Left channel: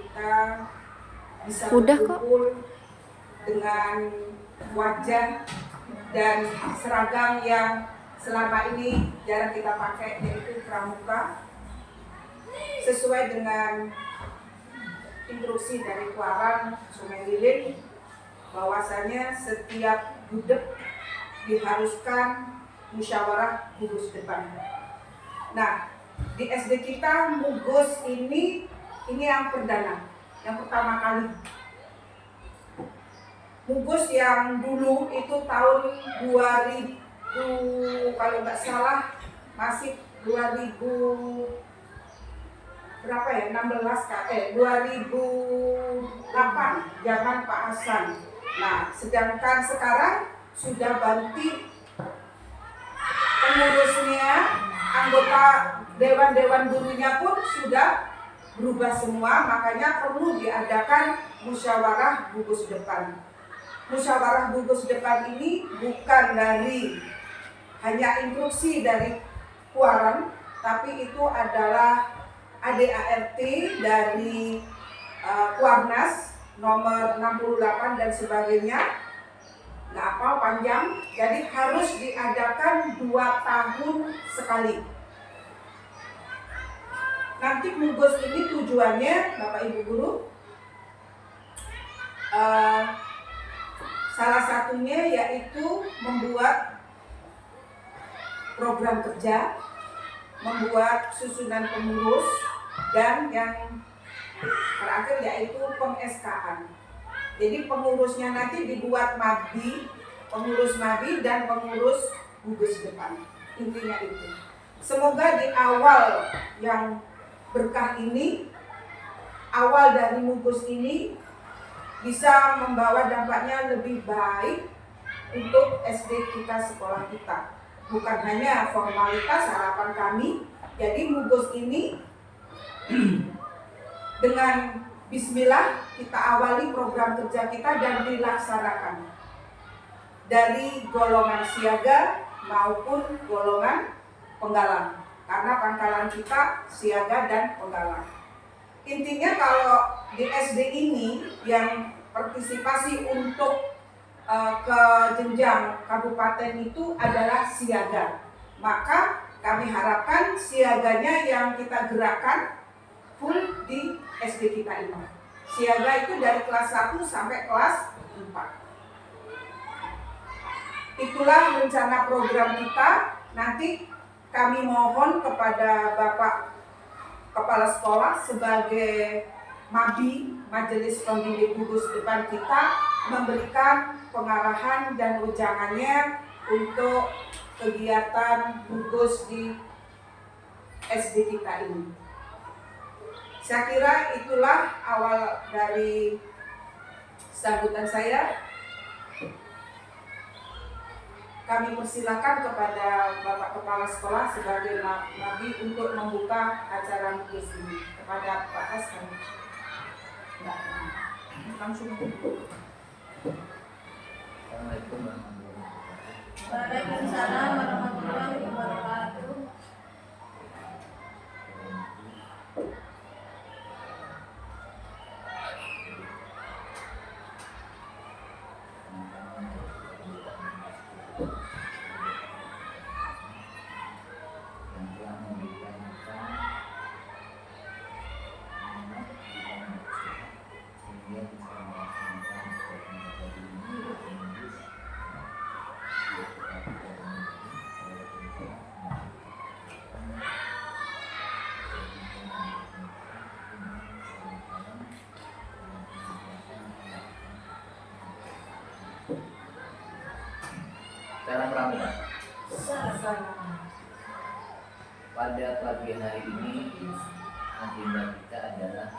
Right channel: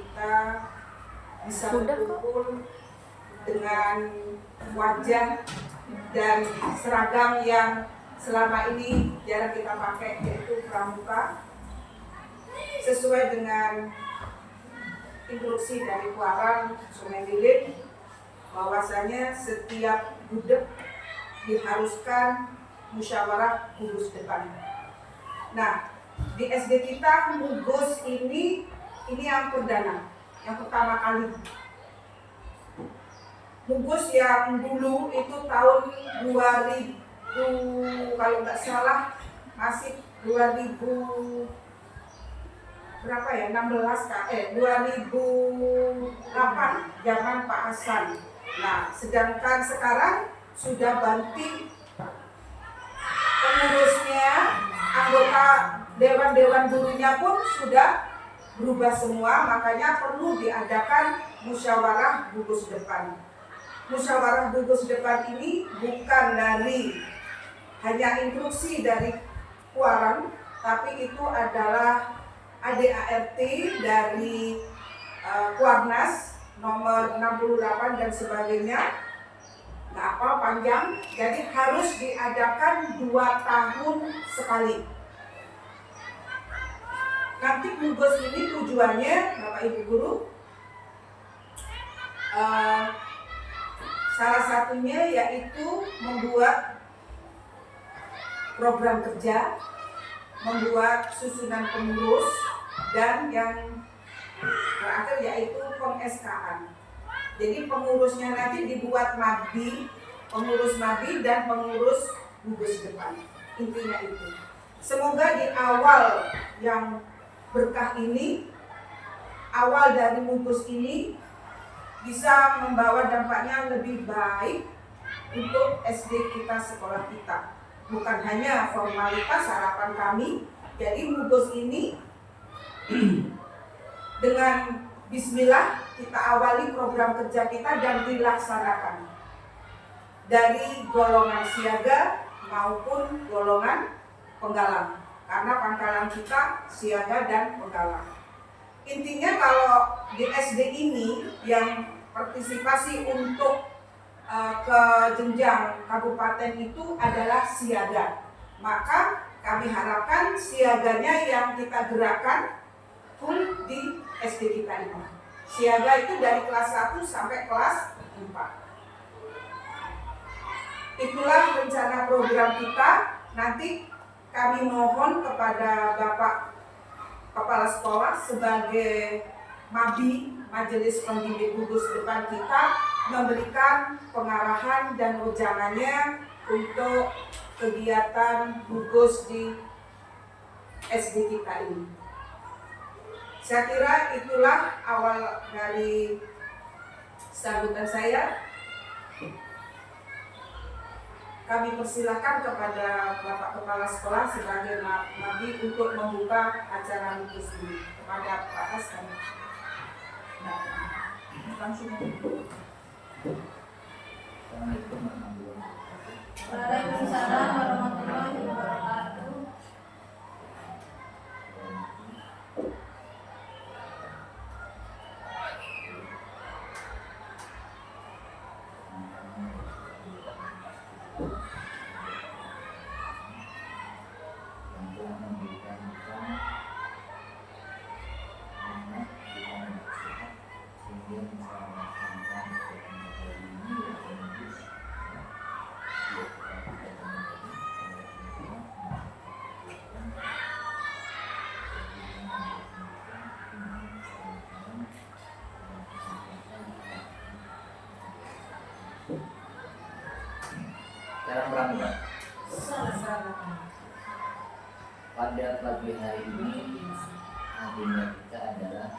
kita bisa berkumpul dengan wajah dan seragam yang selama ini jarang kita pakai, yaitu pramuka, sesuai dengan instruksi dari Kuaran Sungai Lilik bahwasanya setiap gudeg diharuskan musyawarah gugus depan. Nah, di SD kita Mugus ini yang perdana, yang pertama kali. Mugus yang dulu itu tahun 2000, kalau nggak salah masih 2000 berapa ya, 2008 zaman Pak Hasan. Nah, sedangkan sekarang sudah ganti pengurusnya, anggota dewan gurunya pun sudah berubah semua, makanya perlu diadakan musyawarah gugus depan. Musyawarah gugus depan ini bukan dari hanya instruksi dari Kuaran, tapi itu adalah ADART dari Kuarnas nomor 68 dan sebagainya. Nggak hafal panjang, jadi harus diadakan 2 tahun sekali. Nanti Mugus ini tujuannya, Bapak Ibu Guru, salah satunya yaitu membuat program kerja, membuat susunan pengurus, dan yang terakhir yaitu peng-SK-an. Jadi pengurusnya nanti dibuat MABI, pengurus MABI dan pengurus gugus depan. Intinya itu. Semoga di awal yang berkah ini, awal dari Mugus ini bisa membawa dampaknya lebih baik untuk SD kita, sekolah kita. Bukan hanya formalitas harapan kami. Jadi Mugus ini dengan bismillah kita awali program kerja kita dan dilaksanakan dari golongan siaga maupun golongan penggalang, karena pangkalan kita siaga dan penggalang. Intinya kalau di SD ini yang partisipasi untuk ke jenjang kabupaten itu adalah siaga, maka kami harapkan siaganya yang kita gerakkan full di SD kita ini. Siaga itu dari kelas 1 sampai kelas 4. Itulah rencana program kita. Nanti kami mohon kepada Bapak Kepala Sekolah sebagai MABI, Majelis Pembimbing Gugus Depan kita, memberikan pengarahan dan wejangannya untuk kegiatan gugus di SD kita ini. Saya kira itulah awal dari sambutan saya. Kami persilakan kepada Bapak Kepala Sekolah sebagai MABI untuk membuka acara gugus ini. Kepada Pak Hasan. Langsung. Assalamualaikum warahmatullahi wabarakatuh. Waalaikumsalam warahmatullahi wabarakatuh. Yang telah memberikan kita nikmat kita sehat sehingga bisa melaksanakan program hari ini yaitu Mugus. Cara pramuka. Pada pagi hari ini agenda kita adalah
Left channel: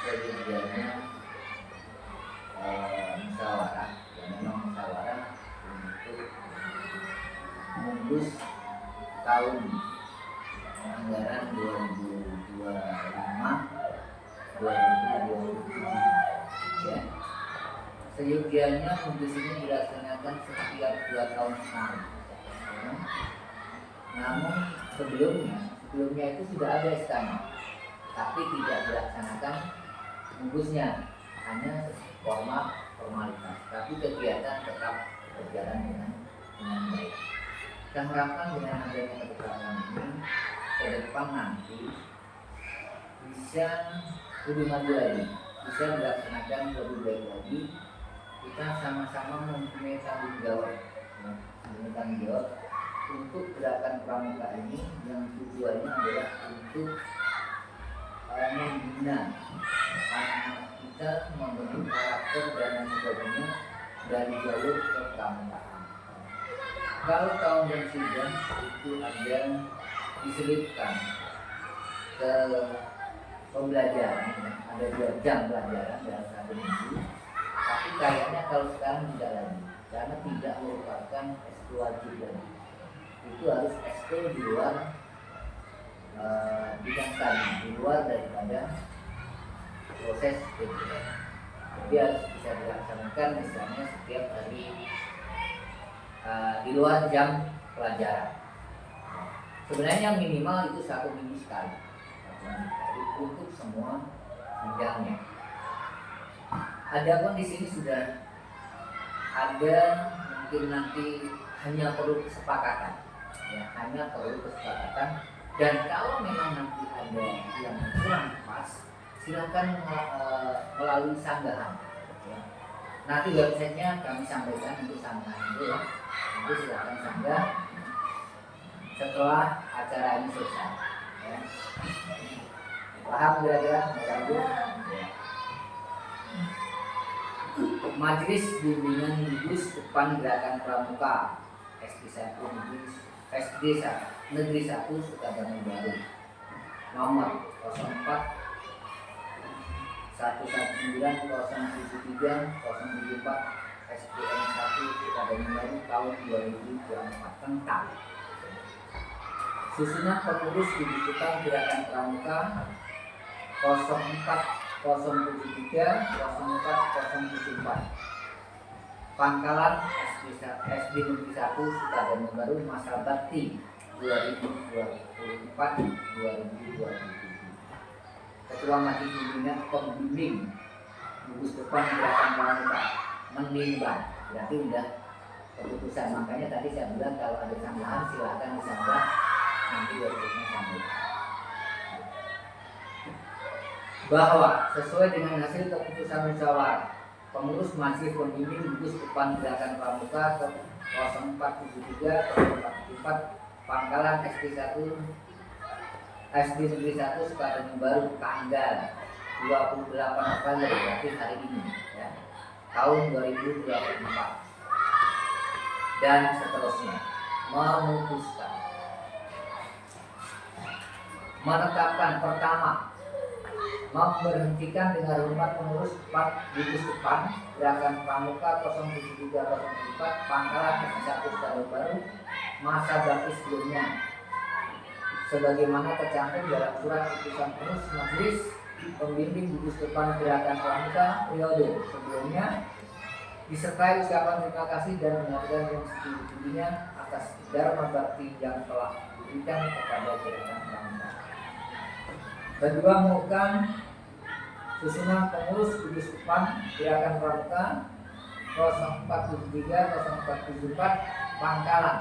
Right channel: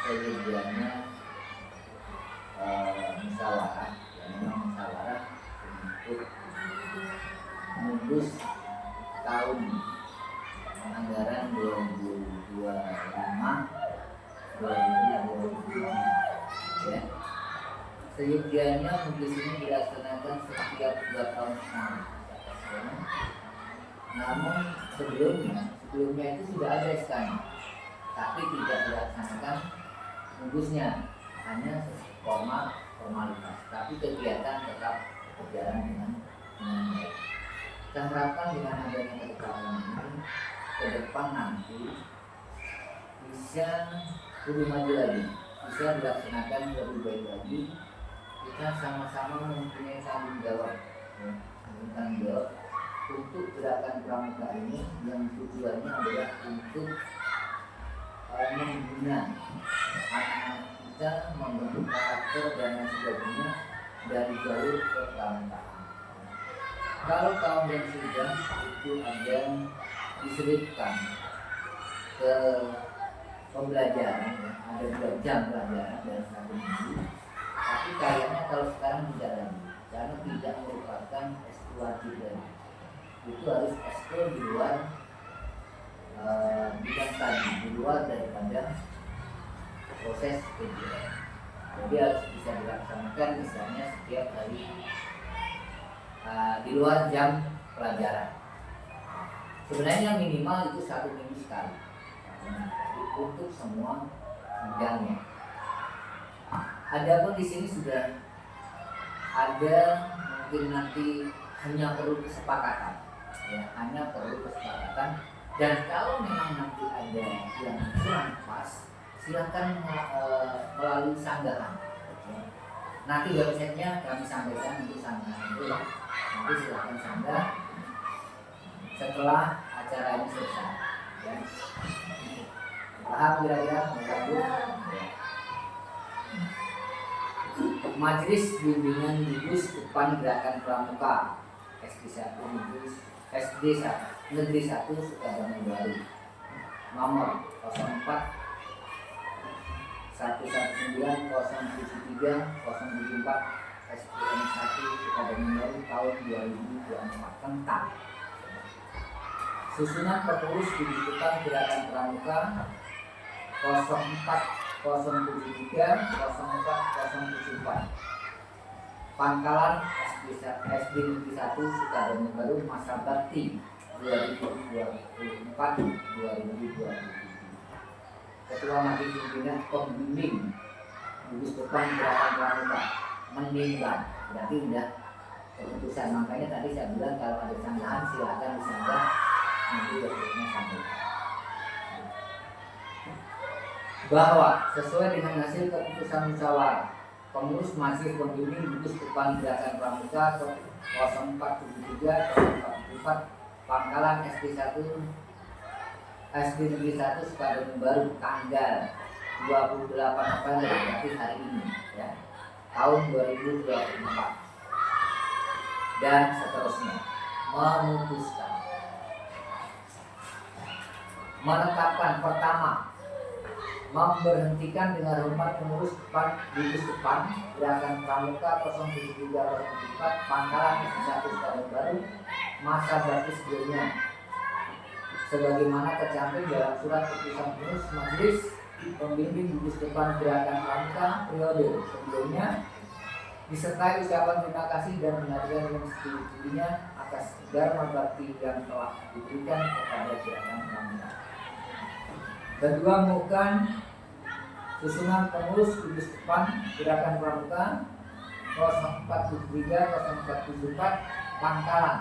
sedianya musyawarah, yang memang musyawarah untuk Mugus tahun anggaran 2025-2027 ya. Seyogianya Mugus ini dilaksanakan setiap 2 tahun sekali. Namun sebelumnya itu sudah ada SK-nya. tapi tidak dilaksanakan gugusnya, hanya formalitas, tapi kegiatan tetap berjalan dengan baik. Kita harapkan dengan adanya ketetapan ini ke depan nanti bisa lebih maju lagi, bisa dilaksanakan lebih baik lagi. Kita sama-sama mempunyai tanggung jawab, untuk gerakan pramuka ini yang tujuannya adalah untuk membina anak-anak kita, membentuk karakter dan lain sebagainya dari jalur ke pramukaan. Kalau tahun dan sidang itu ada diselipkan ke pembelajaran, ada 2 jam pelajaran dalam 1 minggu, tapi kayaknya kalau sekarang tidak lagi, karena tidak merupakan eskul wajib lagi. Itu harus eskul di luar bidang tadi, di luar daripada proses PJJ. Jadi harus bisa dilaksanakan misalnya setiap hari di luar jam pelajaran. Sebenarnya minimal itu 1 minggu sekali, untuk semua bidangnya. Adapun di sini sudah ada, mungkin nanti hanya perlu kesepakatan, ya, hanya perlu kesepakatan. Dan kalau memang nanti ada yang kurang pas, silakan melalui sanggahan. Ya. Nanti websitenya kami sampaikan untuk sanggahan itu, ya. Nanti silakan sanggah setelah acara ini selesai. Ya. Paham kira-kira? Ya. Majelis Bimbingan Gugus Depan Gerakan Pramuka SD 1 Negeri 1 Sukabumi Baru, nomor 04 119 073 074 SPM 1 Sukabumi Baru tahun 2024 tentang susunan pengurus gugus depan gerakan pramuka 04 073 04 074 Pangkalan SD Negeri 1 Sukabumi Baru masa bakti 2024-2027. Ketua Majelis Pembimbing Gugus Depan Gerakan Pramuka menimbang, berarti udah keputusan. Makanya tadi saya bilang kalau ada sanggahan silakan disanggah, nanti websitenya sampaikan. Bahwa sesuai dengan hasil keputusan musyawarah pengurus Majelis Pembimbing Gugus Depan Gerakan Pramuka 0473 0444 Pangkalan SD 1 SD Negeri 1 Sukabumi Baru tanggal 28 Oktober, berarti hari ini, ya, tahun 2024, dan seterusnya memutuskan menetapkan pertama, memberhentikan dengan hormat pengurus gugus depan gerakan pramuka 07304 Pangkalan SD 1 Sukabumi Baru masa bakti sebelumnya sebagaimana tercantum dalam surat keputusan pengurus Majelis Pembimbing Gugus Depan Gerakan Pramuka periode sebelumnya, disertai ucapan terima kasih dan mengatakan yang setinggi-tingginya atas dharma bakti yang telah diberikan kepada gerakan pramuka. Kedua, mengukuhkan susunan pengurus gugus depan gerakan pramuka 0473 0474 Pangkalan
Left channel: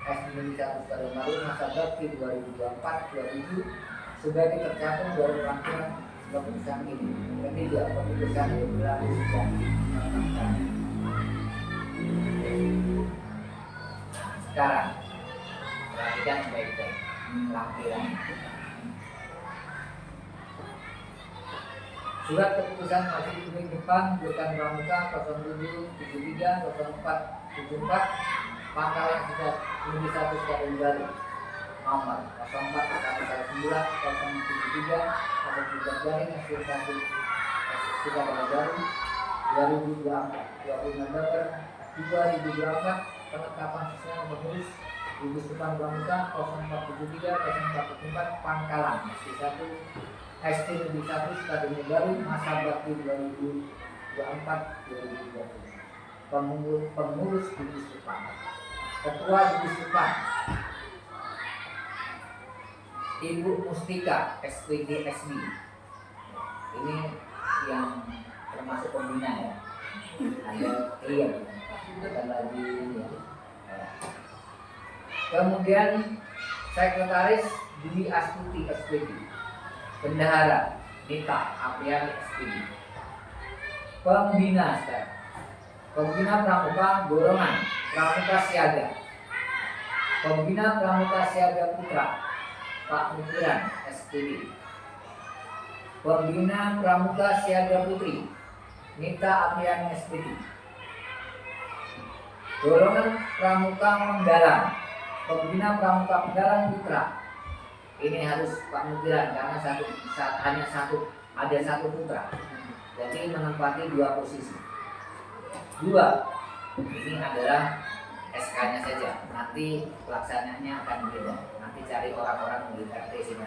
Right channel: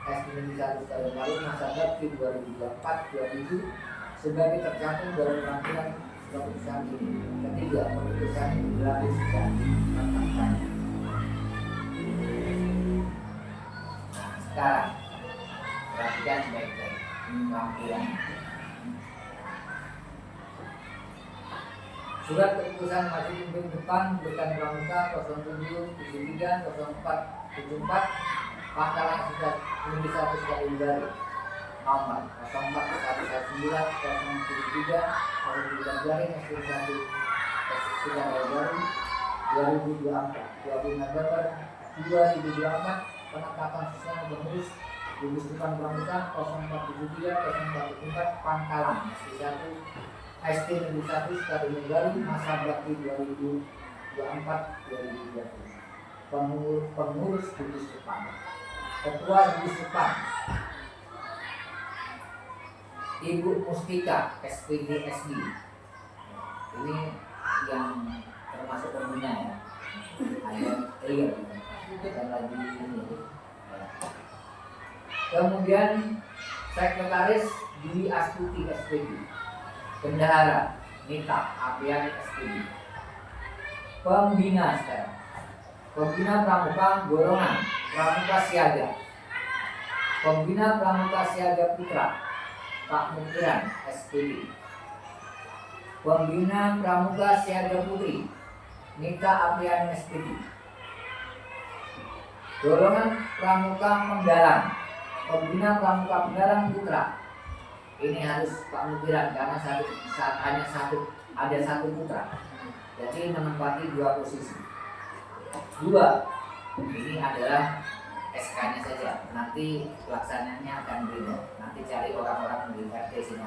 SD Negeri 1 Sukabumi Baru masa bakti 2024-2027 sebagai tercantum dalam rangkaian keputusan ini. Ketiga, keputusan ini berlaku sudah ditetapkan. Nah, sekarang perhatikan baik-baik lampiran. Surat keputusan Majelis Pembimbing Depan Gerakan Pramuka 0773 0474 Pangkalan Negeri 1 Sukabumi Baru nomor 04 119 073 073 garing SD 1 Sukabumi Baru 2024 20 November 2024 penetapan susunan pengurus gugus depan pramuka 0473 0474 Pangkalan SD 1 SD Negeri 1 Sukabumi Baru masa bakti 2024-2027. Pengurus gugus depan. Ketua gugus depan Ibu Mustika SPD SD. Ini yang termasuk pembina ya. Ada bukan lagi ini. Ya. Kemudian Sekretaris Dwi Astuti SPD. Bendahara Nita Apriani SPD. Pembina sekarang. Pembina Pramuka golongan Pramuka Siaga. Pembina Pramuka Siaga Putra Pak Mukiran SPD. Pembina Pramuka Siaga Putri Nita Apriani SPD. Golongan Pramuka Menggalang. Pembina Pramuka Menggalang Putra. Ini harus Pak Mukiran karena ada satu putra. Jadi menempati 2 posisi. 2. Ini adalah SK-nya saja. Nanti pelaksananya akan beda. Nanti cari orang-orang di RT sini.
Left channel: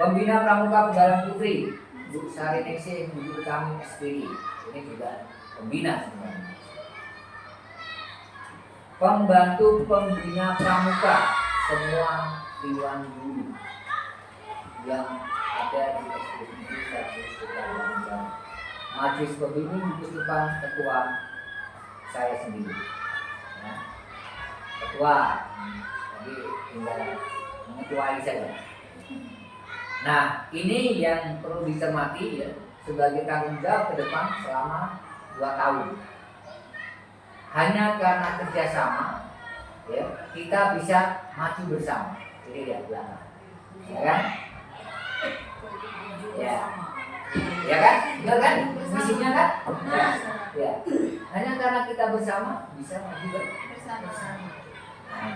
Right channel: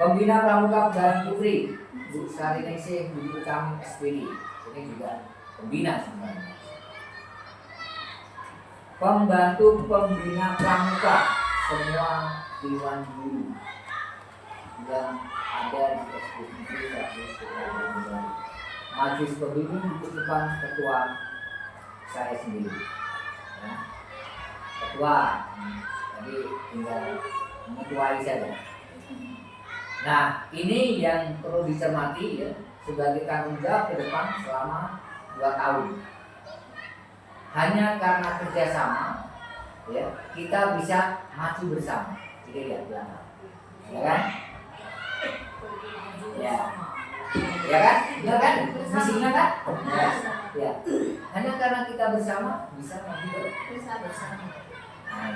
Pembina Pramuka Penggalang Putri Bu Sari Ningsih Bu Utami SPD. Ini juga pembina sebenarnya. Pembantu pembina pramuka semua Dewan Guru yang ada di eksekutif satu sekitar Majelis Pembimbing Gugus Depan ketua saya sendiri. Ya. Ketua, jadi tinggal mengetuai saja. Nah, ini yang perlu dicermati ya sebagai tanggung jawab ke depan selama 2 tahun. Hanya karena kerjasama, ya kita bisa maju bersama. Jadi lihat belakang, ya kan? Ya, ya kan? Benar kan? Misinya kan? Ya. Hanya karena kita bersama bisa maju bersama. Nah,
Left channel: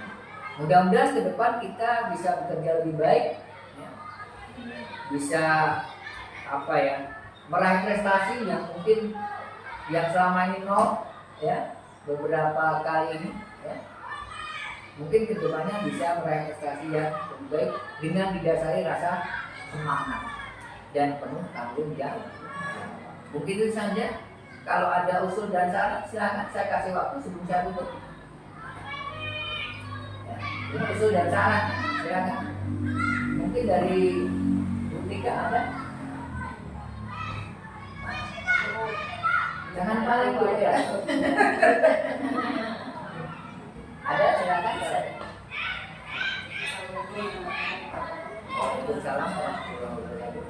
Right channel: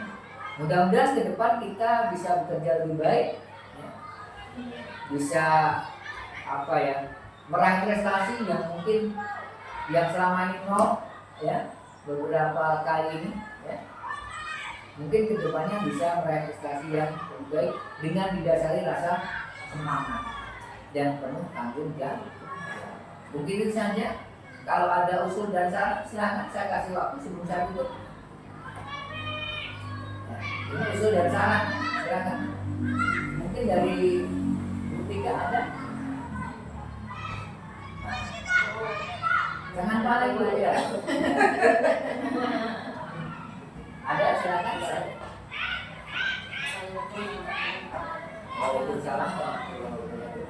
mudah-mudahan ke depan kita bisa bekerja lebih baik, ya. Bisa meraih prestasi yang mungkin yang selama ini nol, ya. Beberapa kali ini ya mungkin kedepannya bisa meraih prestasi yang lebih baik dengan didasari rasa semangat dan penuh tanggung jawab. Mungkin itu saja. Kalau ada usul dan saran silakan, saya kasih waktu sebelum saya tutup. Ya, ini usul dan saran silakan. Mungkin dari Bu Tika ada. Jangan paling Bu ya. Ada silakan. Waalaikumsalam warahmatullahi wabarakatuh.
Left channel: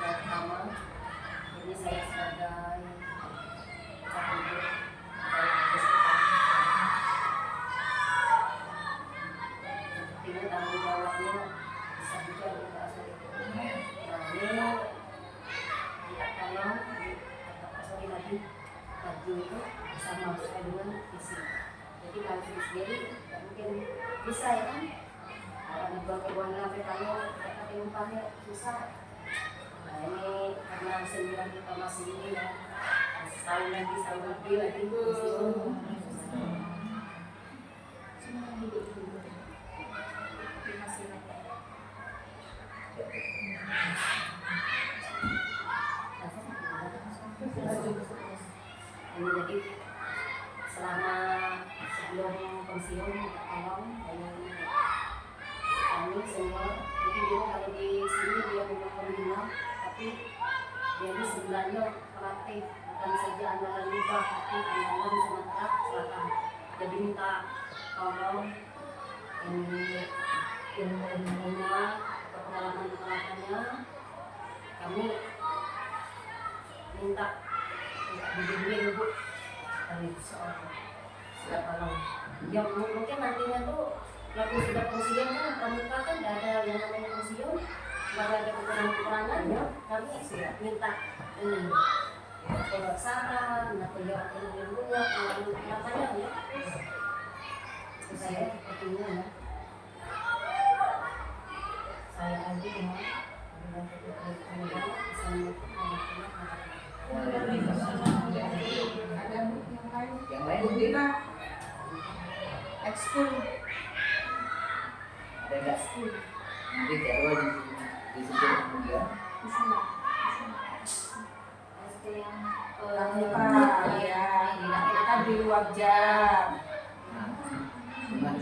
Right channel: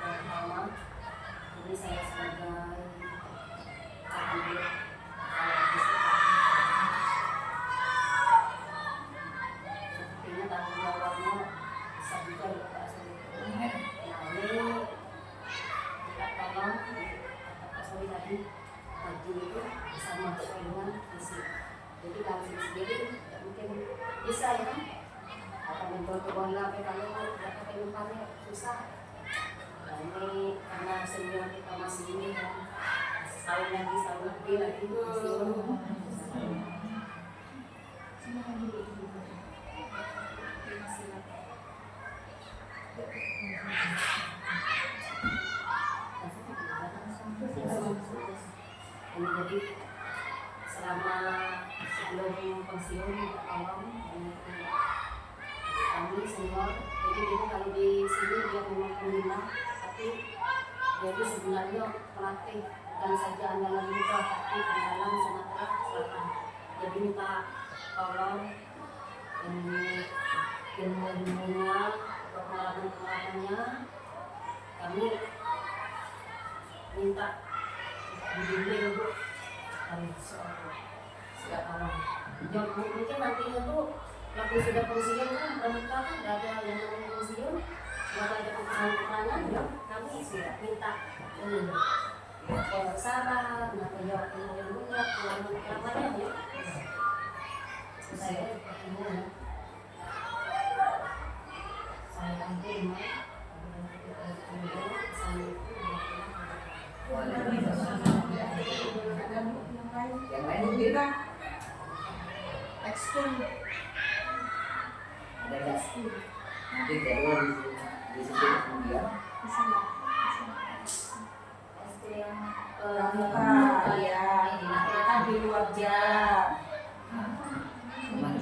Pertama, ini saya sebagai cakup sepertinya tanggung jawabnya besar juga untuk Pak Suri. Nah ini kita tolong kata Pak Suri tadi maju itu sama sesuai dengan visi. Jadi kalau sendiri tidak mungkin bisa ya kan? Akan kebun sampai kalau tidak pakai umpannya susah. Nah ini karena senior kita masih ini ya, setahun lebih lagi ini jadi selama sebelum pensiun kita tolong kami senior. Jadi ini kalau di sini dia punya pembina, tapi dia ini sebenarnya pelatih, bukan saja andalan muda, tapi andalan Sumatera Selatan. Jadi minta tolong ini ilmu-ilmunya, pengalaman-pengalamannya, kami minta dibimbing Bu dari seorang. Tolong. Ya mungkin nantinya tuh kalau sudah pensiun kan pramuka kan tidak ada yang namanya pensiun, tidak ada peperangan ya. Kami sudah minta ini jawab saran, jawab ilmunya, pengalamannya ya. Saya sepertinya ya. Saya aja ya. Yang lain mungkin ekskul ada nggak? Nanti jadwal disebut kemudian. SD yang Pramuka ya, kita kan di luar jam. Nah, gimana?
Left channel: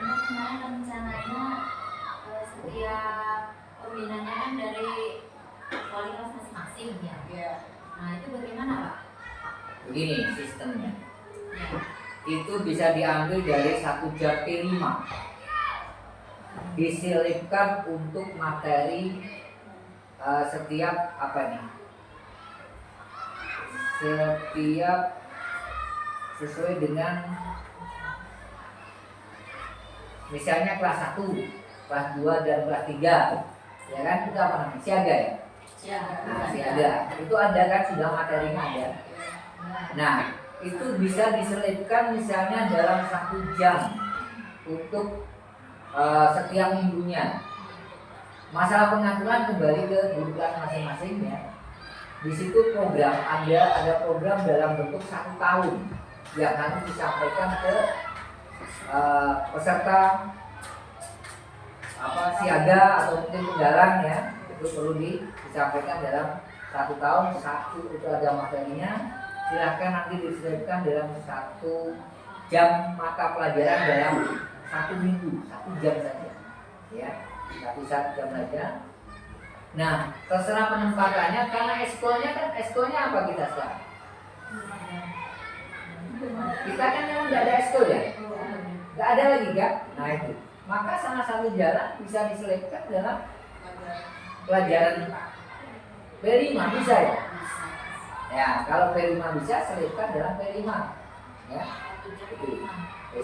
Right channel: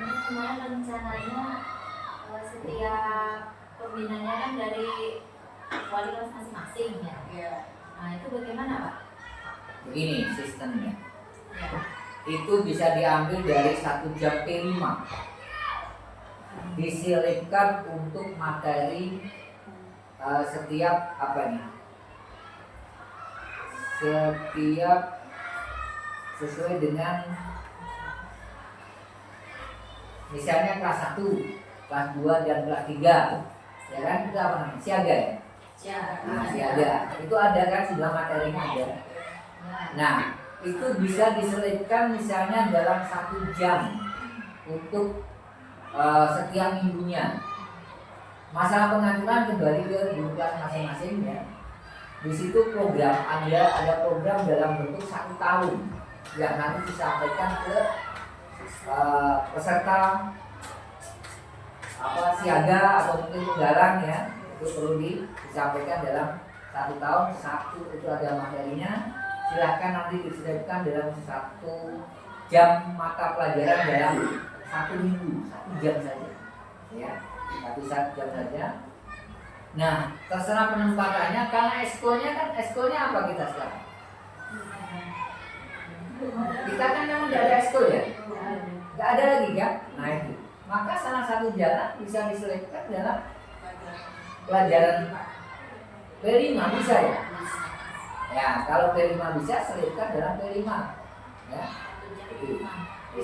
ini kemarin rencananya setiap pembinanya kan dari wali kelas masing-masing ya. Ya. Nah itu bagaimana Pak? Begini sistemnya. Ya. Itu bisa diambil dari 1 jam P5, diselipkan untuk materi setiap apa nih, setiap sesuai dengan misalnya kelas 1, kelas 2 dan kelas 3 ya kan, itu apa namanya, siaga ya. Nah, siaga itu ada kan, sudah materinya ada. Nah, itu bisa diselipkan misalnya dalam 1 jam untuk setiap minggunya. Masalah pengaturan kembali ke guru kelas masing-masing ya. Di situ program ada program dalam bentuk 1 tahun yang nanti disampaikan ke peserta siaga atau mungkin penggalang ya. Itu perlu disampaikan dalam 1 tahun. 1 itu ada materinya. Silahkan nanti diselipkan dalam 1 jam mata pelajaran dalam 1 minggu, 1 jam saja ya, 1 jam saja. Nah, terserah penempatannya, karena eskolnya apa kita sekarang? Kita kan memang tidak ada eskol ya, tidak ada lagi kan. Nah itu, maka salah satu jalan bisa diselipkan dalam pelajaran P5 bisa ya. Ya, kalau P5 bisa, selipkan dalam P5 ya. Itu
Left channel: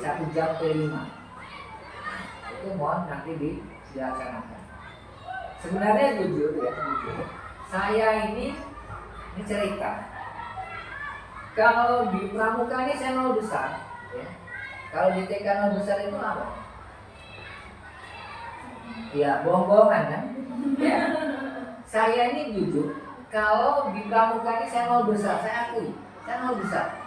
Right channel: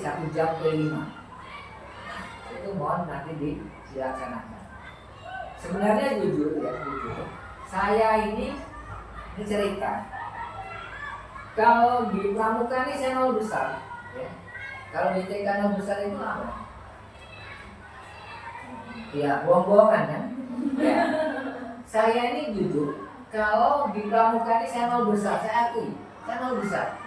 1 jam P5. Itu mohon nanti dilaksanakan. Sebenarnya jujur, saya ini cerita. Kalau di Pramuka ini saya 0 besar ya. Kalau di TK 0 besar itu apa? Ya, bohong-bohongan kan? Ya. Saya ini jujur, kalau di Pramuka ini saya 0 besar, saya akui, saya 0 besar.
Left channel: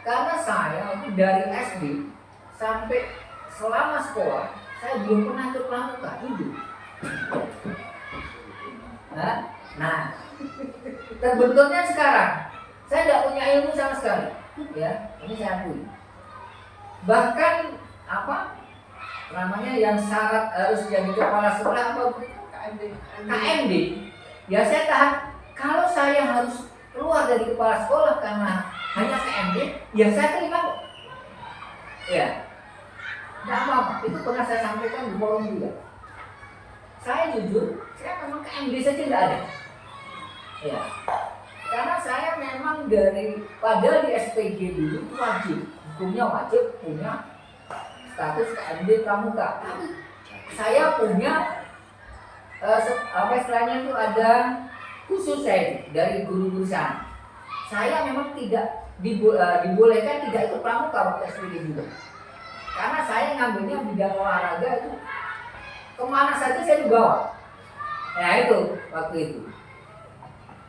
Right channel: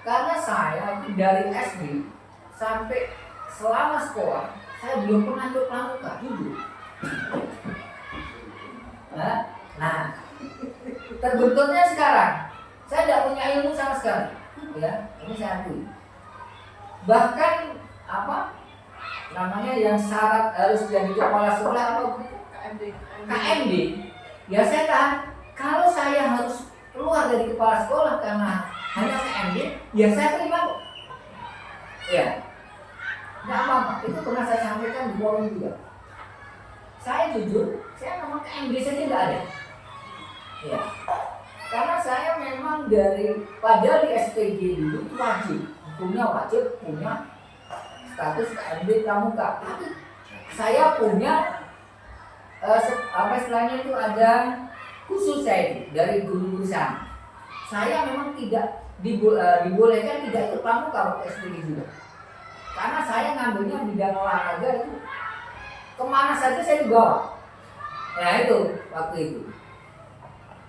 Karena saya itu dari SD sampai selama sekolah, saya belum pernah ikut Pramuka, jujur. Nah, terbenturnya sekarang, saya tidak punya ilmu sama sekali, ya, ini saya akui. Bahkan yang syarat harus jadi kepala sekolah atau KMD, ya saya tahan. Kalau saya harus keluar dari kepala sekolah karena hanya KMD, ya saya terima kok. Ya, tidak apa-apa. Itu pernah saya sampaikan di forum juga. Saya jujur, saya memang KMD saja tidak ada. Ya, karena saya memang pada di SPG dulu itu wajib, hukumnya wajib punya status KMD Pramuka. Tapi saya punya istilahnya itu ada khusus saya dari guru-guru sana. Saya memang tidak dibolehkan tidak ikut Pramuka waktu SPG juga. Karena saya ngambilnya bidang olahraga itu kemana saja saya dibawa. Nah itu waktu itu.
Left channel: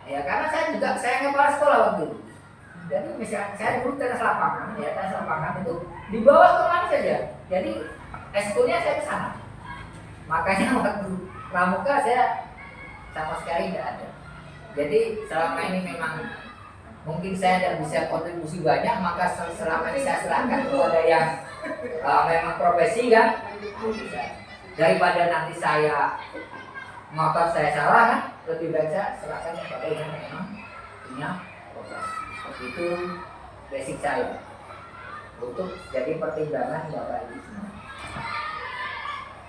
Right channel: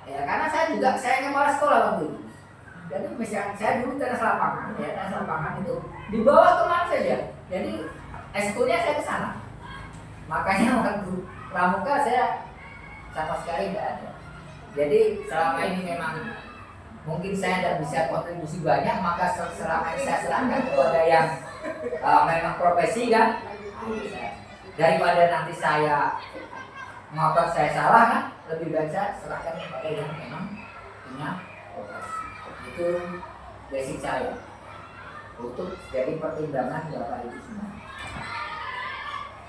Ya karena saya kepala sekolah waktu itu. Jadi misalnya saya dulu tenis lapangan itu dibawa kemana saja. Jadi eskulnya saya ke sana. Makanya waktu Pramuka saya sama sekali tidak ada. Jadi selama ini memang mungkin saya tidak bisa kontribusi banyak, maka selama ini saya serahkan kepada yang memang profesi kan. Daripada nanti motor saya salah kan, lebih baik saya serahkan kepada yang memang punya profesi. Itu basic saya untuk jadi pertimbangan Bapak Ibu semua.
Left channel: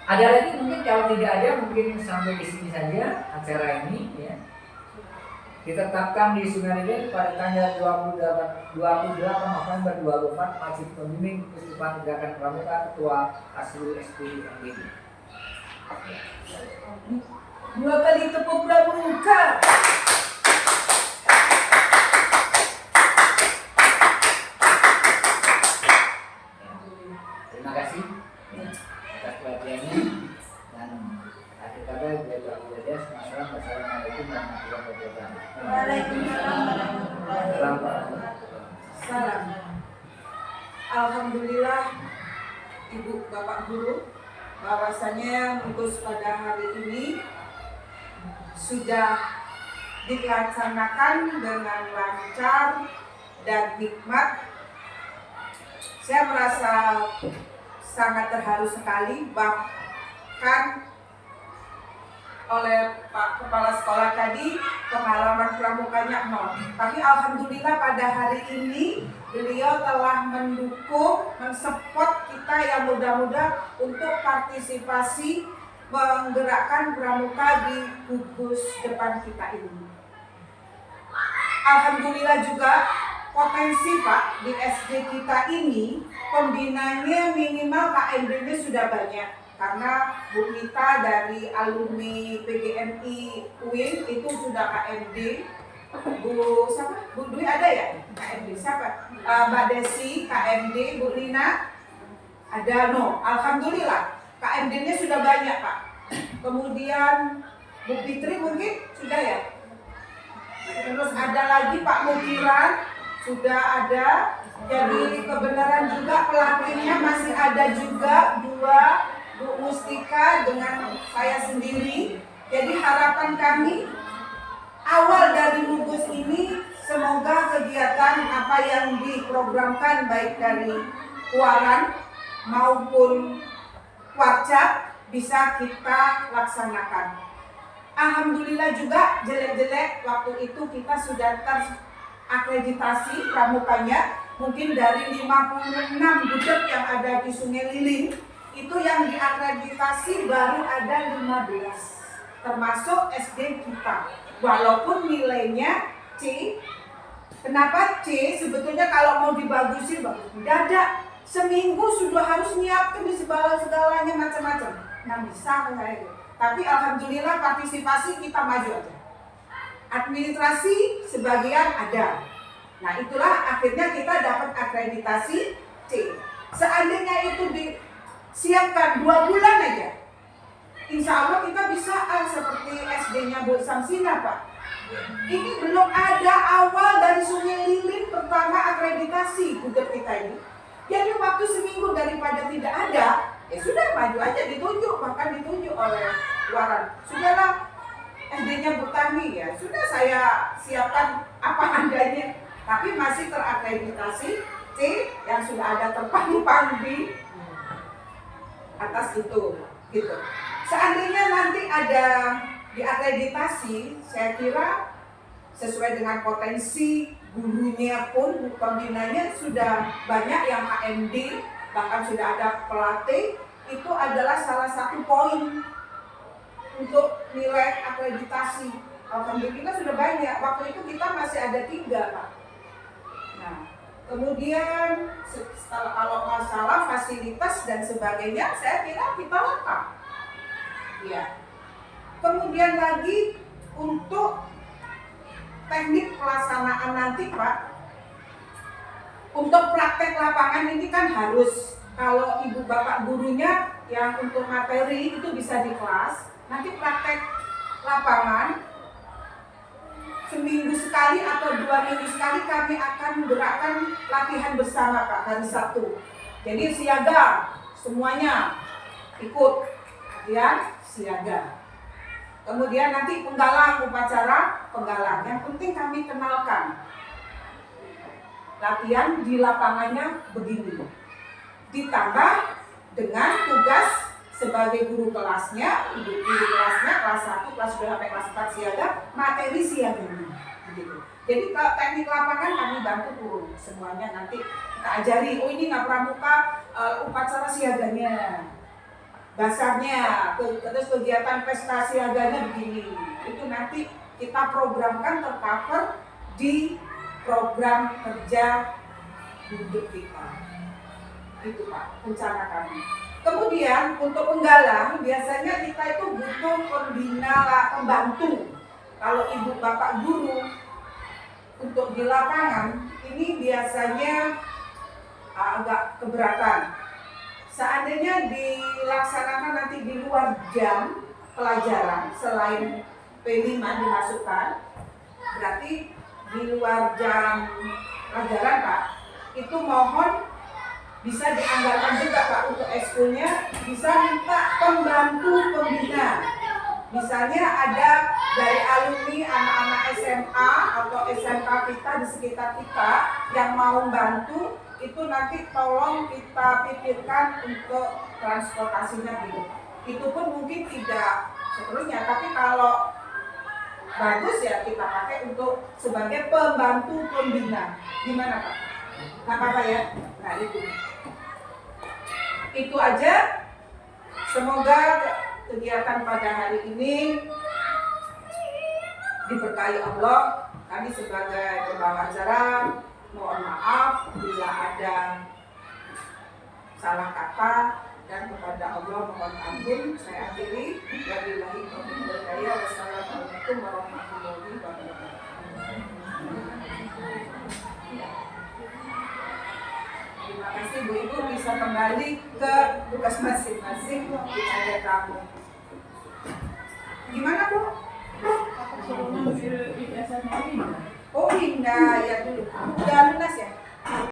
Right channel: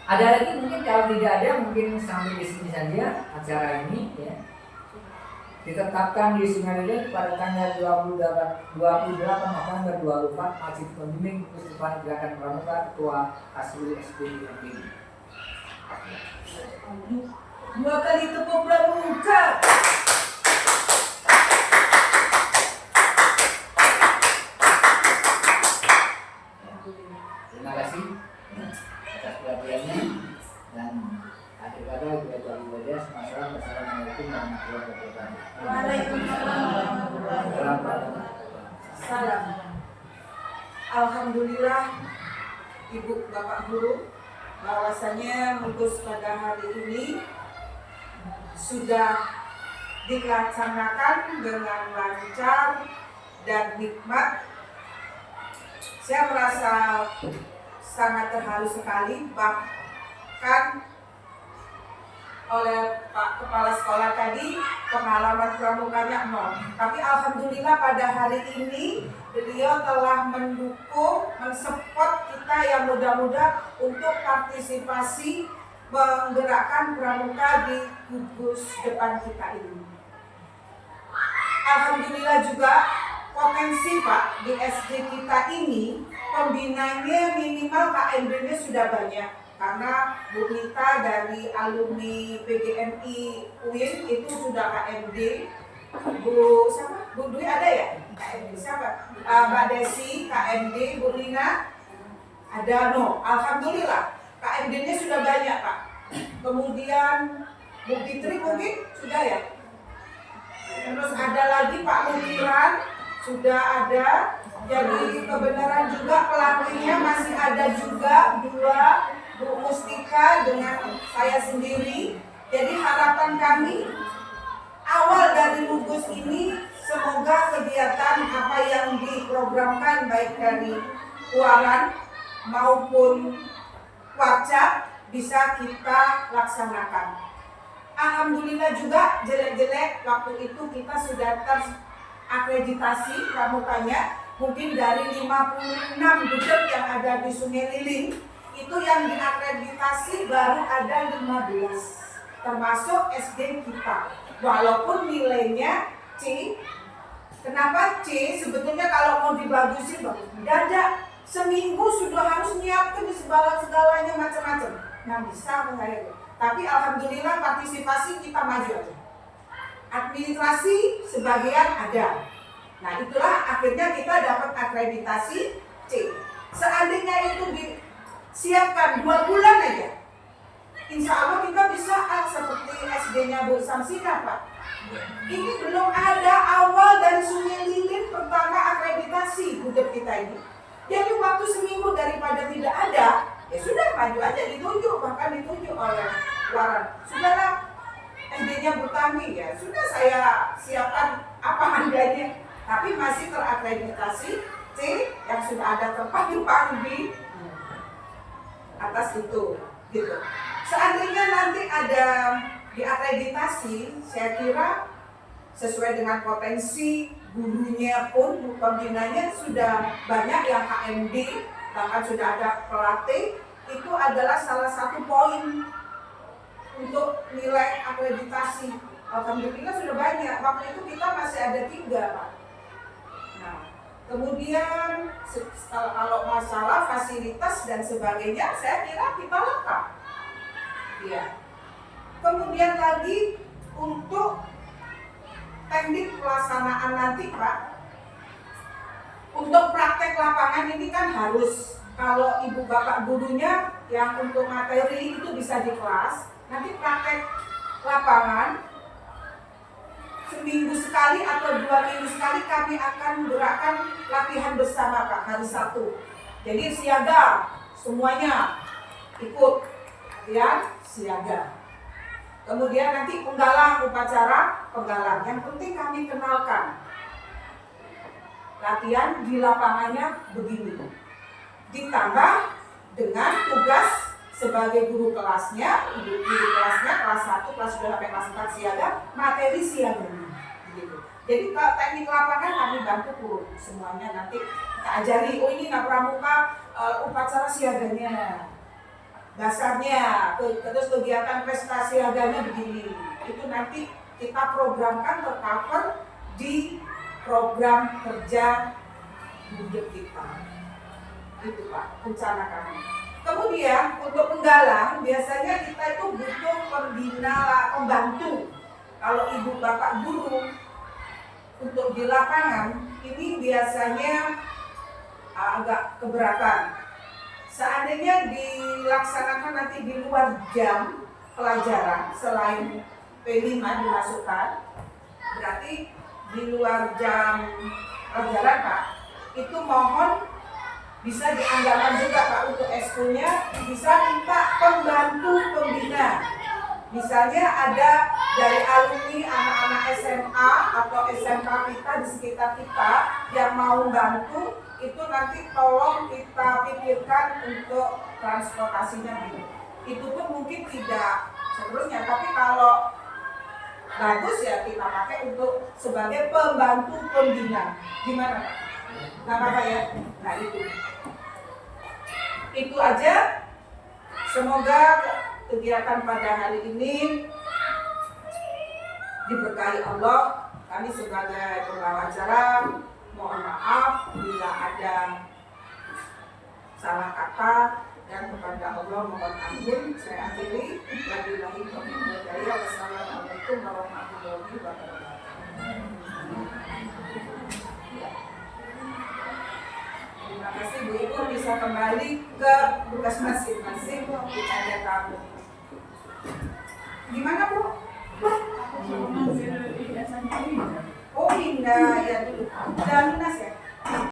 Ada lagi mungkin, kalau tidak ada mungkin sampai di sini saja acara ini ya. Ditetapkan di Sungai pada tanggal 28 November 2024, Masjid Pembimbing Kesukupan Gerakan Pramuka, Ketua Aslu SD MPD. 2 kali tepuk Pramuka. Terima kasih atas perhatiannya, dan akhir kata Assalamualaikum warahmatullahi wabarakatuh. Salam. Alhamdulillah Ibu Bapak Guru, bahwasanya Mus pada hari ini sudah dilaksanakan dengan lancar dan hikmat. Saya merasa sangat terharu sekali, bahkan oleh Pak Kepala Sekolah tadi pengalaman pramukanya 0. Tapi alhamdulillah pada hari ini beliau telah mendukung, mensupport kita yang muda-muda untuk partisipasi menggerakkan pramuka di gugus depan kita ini. Alhamdulillah juga potensi Pak di SD kita ini pembinanya minimal KMD-nya sudah banyak. Karena Bu Nita dari alumni PGNI UIN itu sudah KMD. Bu Dwi ada ya? KMD siapa? Mbak Desi KMD, Bu Lina ada. Alhamdulillah KMD-nya sudah banyak Pak. Kemudian Bu Fitri mungkin sudah ya. Terus ada lagi Pak Mukiran sudah ada. Jadi kebenaran juga pelatihnya masih ada juga 2, Bu Mustika dengan saya sendiri. Jadi harapan kami awal dari Lubus ini semoga kegiatan apa yang diprogramkan baik dari Kuaran maupun Warca bisa kita laksanakan. Alhamdulillah juga jelek-jelek waktu itu kita sudah terakreditasi pramukanya. Mungkin dari 56 budget yang ada di Sungai Liling itu yang diakreditasi baru ada 15, termasuk SD kita. Walaupun nilainya C. Kenapa C? Sebetulnya kalau mau dibagusin bagus. Dadak seminggu sudah harus nyiapkan di segalanya macam-macam. Nah bisa saya. Tapi alhamdulillah partisipasi kita maju aja. Administrasi sebagian ada. Nah itulah akhirnya kita dapat akreditasi C. Seandainya itu siapkan 2 bulan aja, insya Allah kita bisa seperti SD-nya Bu Samsina Pak. Ini belum ada awal dari Sungai Lilin pertama akreditasi budget kita ini. Jadi waktu seminggu daripada tidak ada, ya sudah maju aja ditunjuk, bahkan ditunjuk oleh Waran. Sudahlah SD-nya Bu Tami ya, sudah saya siapkan apa adanya, tapi masih terakreditasi C yang sudah ada terpadu-padu di atas itu, gitu. Seandainya nanti ada diakreditasi, saya kira sesuai dengan potensi gurunya pun, pembinanya sudah banyak yang HMD, bahkan sudah ada pelatih, itu adalah salah satu poin untuk nilai akreditasi. Alhamdulillah sudah banyak, waktu itu kita masih ada 3 Pak. Nah, kemudian kalau masalah fasilitas dan sebagainya, saya kira kita lengkap. Ya. Kemudian lagi untuk teknik pelaksanaan nanti Pak, untuk praktek lapangan ini kan harus, kalau ibu bapak gurunya yang untuk materi itu bisa di kelas, nanti praktek lapangan seminggu sekali atau 2 minggu sekali kami akan menggerakkan latihan bersama Pak hari Sabtu. Jadi siaga semuanya ikut ya, siaga. Kemudian nanti penggalang, upacara penggalang. Yang penting kami kenalkan latihan di lapangannya begini. Ditambah dengan tugas sebagai guru kelasnya, guru kelasnya kelas 1, kelas 2 sampai kelas 4 siaga, materi siaganya begitu. Jadi kalau teknik lapangan kami bantu turun semuanya, nanti kita ajari, oh ini pramuka upacara siaganya, dasarnya, terus kegiatan prestasi siaganya begini. Itu nanti kita programkan tercover di program kerja budget kita. Itu Pak, rencana kami. Kemudian untuk penggalang biasanya kita itu butuh pembina, pembantu. Kalau ibu bapak guru untuk di lapangan ini biasanya agak keberatan. Seandainya dilaksanakan nanti di luar jam pelajaran selain P5 dimasukkan, berarti di luar jam pelajaran Pak, itu mohon bisa dianggarkan juga Pak untuk ekskulnya, bisa minta pembantu pembina. Misalnya ada dari alumni anak-anak SMA atau SMK kita di sekitar kita yang mau bantu, itu nanti tolong kita pikirkan untuk transportasinya dulu. Itu pun mungkin tidak seterusnya, tapi kalau bagus ya kita pakai untuk sebagai pembantu pembina. Gimana Pak? Nah Pak ya? Nah itu aja. Semoga kegiatan pada hari ini diberkahi Allah. Kami sebagai pembawa acara mohon maaf bila ada salah kata, dan kepada Allah mohon ampun. Saya akhiri. Wabillahi taufiq wal hidayah. Wassalamualaikum warahmatullahi wabarakatuh. Terima kasih Bu Ibu, bisa kembali ke tugas masing-masing. Kita ada tamu. Gimana Bu? Oh Indah ya dulu. Ya lunas ya.